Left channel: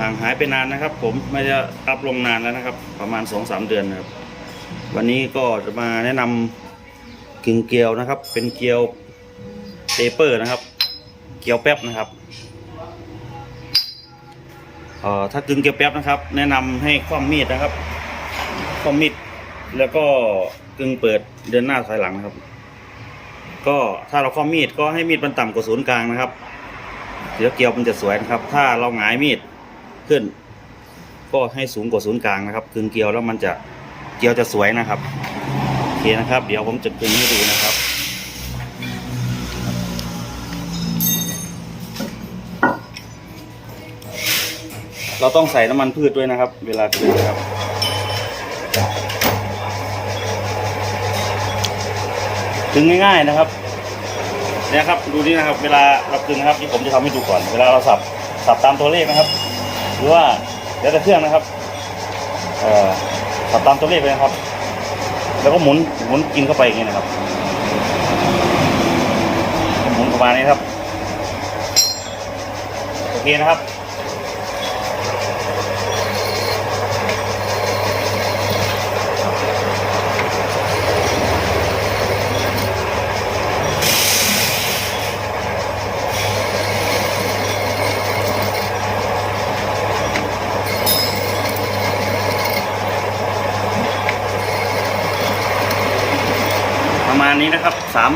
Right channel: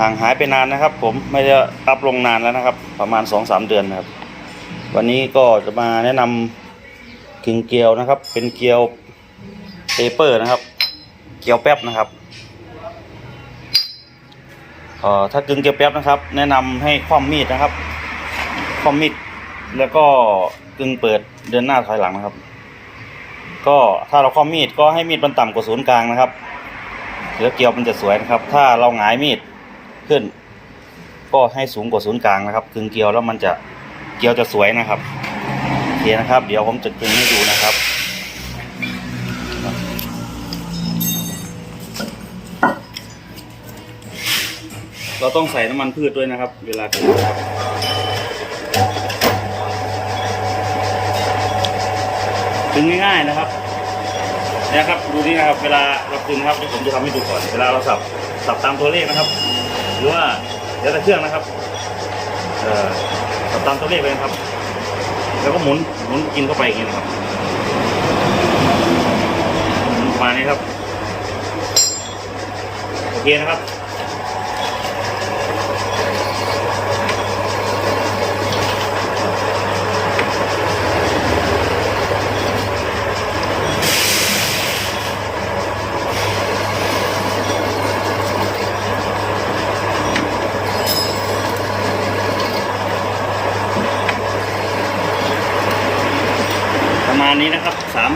ห่างหายไปนานนะครับ ผมไม่ได้อัพลงนานแล้วนะครับ ประมาณสองสามเดือนนะครับ วันนี้ก็จะมาแนะนำกึ่งเกลียวนะครับ เป็นเกลียวเปเปอร์นะครับ เกลียวแป๊บนะครับเอ่อถ้ากึ่งเกลียวแป๊บนะครับ แนะนำให้คว่ำมีดนะครับคว่ำมีดแล้วก็กึ่งเปิดเดินหน้าถอยหลังนะครับ ก็ถ้าเราคว่ำมีดก็ให้มีดมันต่ำกว่าศูนย์กลางนะครับเดี๋ยวเกลียวมันจะสวยนะครับ ถ้าเราหงายมีด ขึ้น ก็ให้สูงกว่าศูนย์กลางนะครับกึ่งเกลียวแล้วมันจะเกลียวจะสวยนะครับโอเคนะครับ เดี๋ยวผมจะกึ่งให้ดูนะครับเราต้องใส่น้ำมันพืชด้วยนะครับ เวลากึ่งนะครับกึ่งง่ายๆนะครับเนี่ยครับ ดูนี่นะครับ เวลาเรากึ่งนะครับที่ผมจะทำให้ดูก่อน เวลาเราสับสับตามตัวเลขนะครับ หรือว่าเดี๋ยวแต่เครื่องนะครับขับตามตัวเลขเลยนะครับ แล้วก็หมุนหมุนกินเข้าไปอย่างนี้นะครับ หมุนประมาณนี้ครับโอเคนะครับ มาณนี้นะครับสาม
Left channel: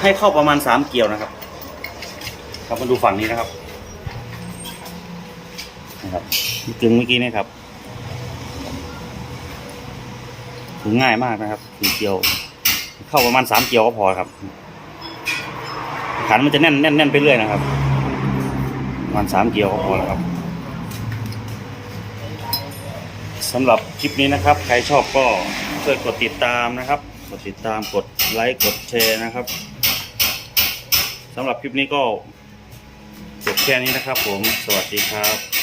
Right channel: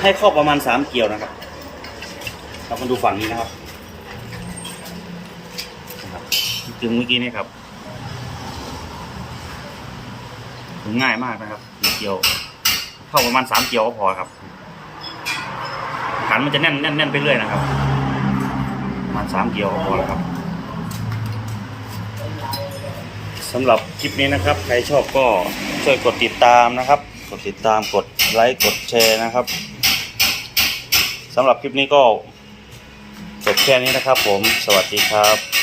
ให้เข้าประมาณสามเกี่ยวนะครับครับมาดูฝั่งนี้นะครับนะครับกึ่งเมื่อกี้นี่ครับถึงง่ายมากนะครับสี่เกี่ยว เข้าประมาณสามเกี่ยวก็พอครับขันมันจะแน่นแน่นแน่นไปเรื่อยนะครับประมาณสามเกี่ยวก็พอแล้วครับสำหรับคลิปนี้นะครับ ใครชอบก็ช่วยกดติดตามนะครับ กดติดตามกดไลค์กดแชร์นะครับสำหรับคลิปนี้ก็จบแค่นี้นะครับผม สวัสดีครับ